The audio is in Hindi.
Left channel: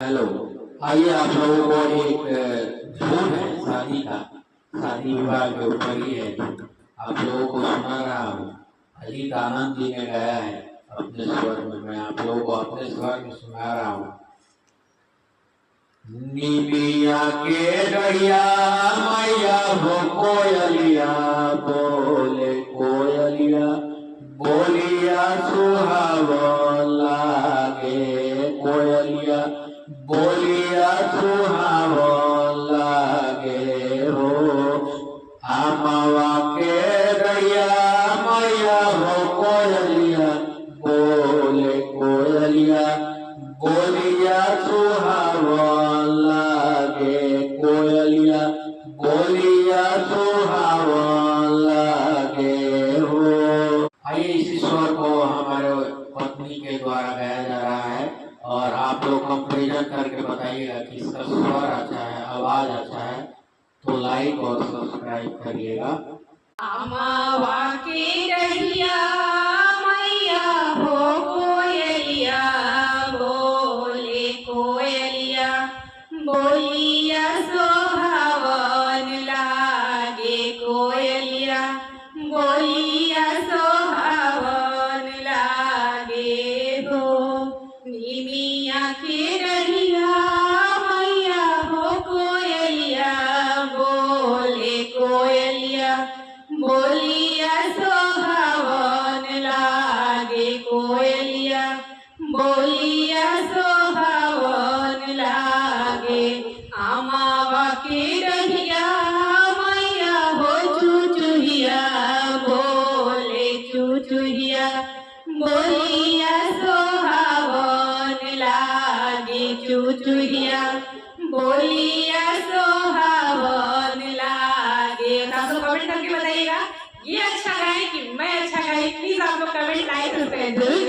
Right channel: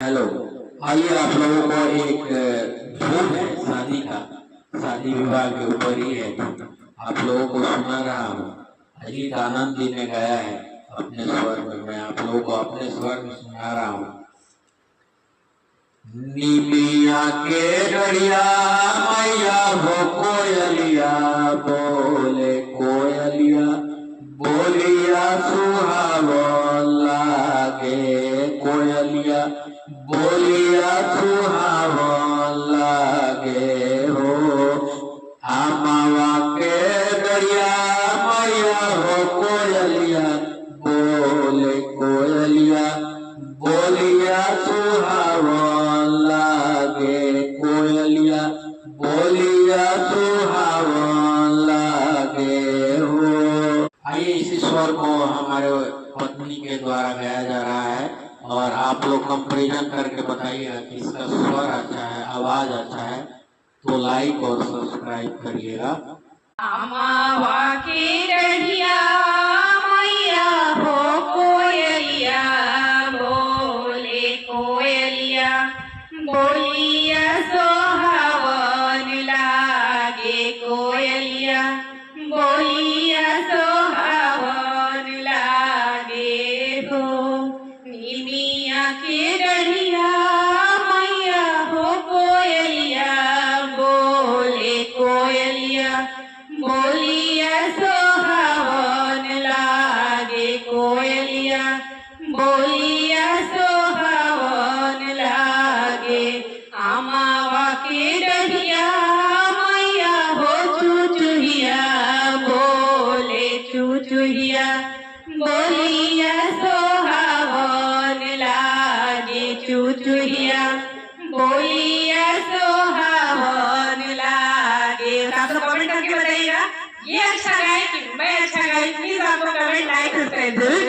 हेलो। आइए आप लोगों को एक धूम है शादी का, शादी विवाह के ऊपर ही है। आप लोगों को सुना रहा हूँ, अजीत आनंद जी ने गाया है अपने स्वर में, मैं आप लोगों को अपने स्वर में सुना रहा हूँ। निमिया के डरिया मैया हो कोयलिया बोले, कोयलिया बोलिया सुहावो लागे, कोयलिया बोलिया सुहावो लागे हो। आमावा के डरिया मैया हो कोयलिया बोले, कोयलिया बोलिया सुहावो लागे, कोयलिया बोलिया सुहावो लागे हो। आइए इसी स्वर को हमारे पत्नी के द्वारा गाया जा रहा है और आप लोग कंपेरिजन करके बताइएगा कि इसका स्वर अच्छा है, आवाज अच्छा है, तो लाइक और सब्सक्राइब करिएगा। अमावा की डढ़िया मैया हो कोयलिया बोले, कोयलिया बोलिया सोहावन लागे, कोयलिया बोलिया सोहावन लागे हो। निमिया की डढ़िया मैया हो कोयलिया बोले, कोयलिया बोलिया सोहावन लागे, कोयलिया बोलिया सोहावन लागे। आमावा की डढ़िया मैया हो चुचुहिया बोले, चुचुहिया बोलिया सोहावन लागे, चुचुहिया बोलिया सोहावन लागे। आप लोग कमेंट करके बताइएगा ये अच्छा गाए कि मैं अच्छा गाई। प्लीज आप लोग कमेंट लाइक सब्सक्राइब जरूर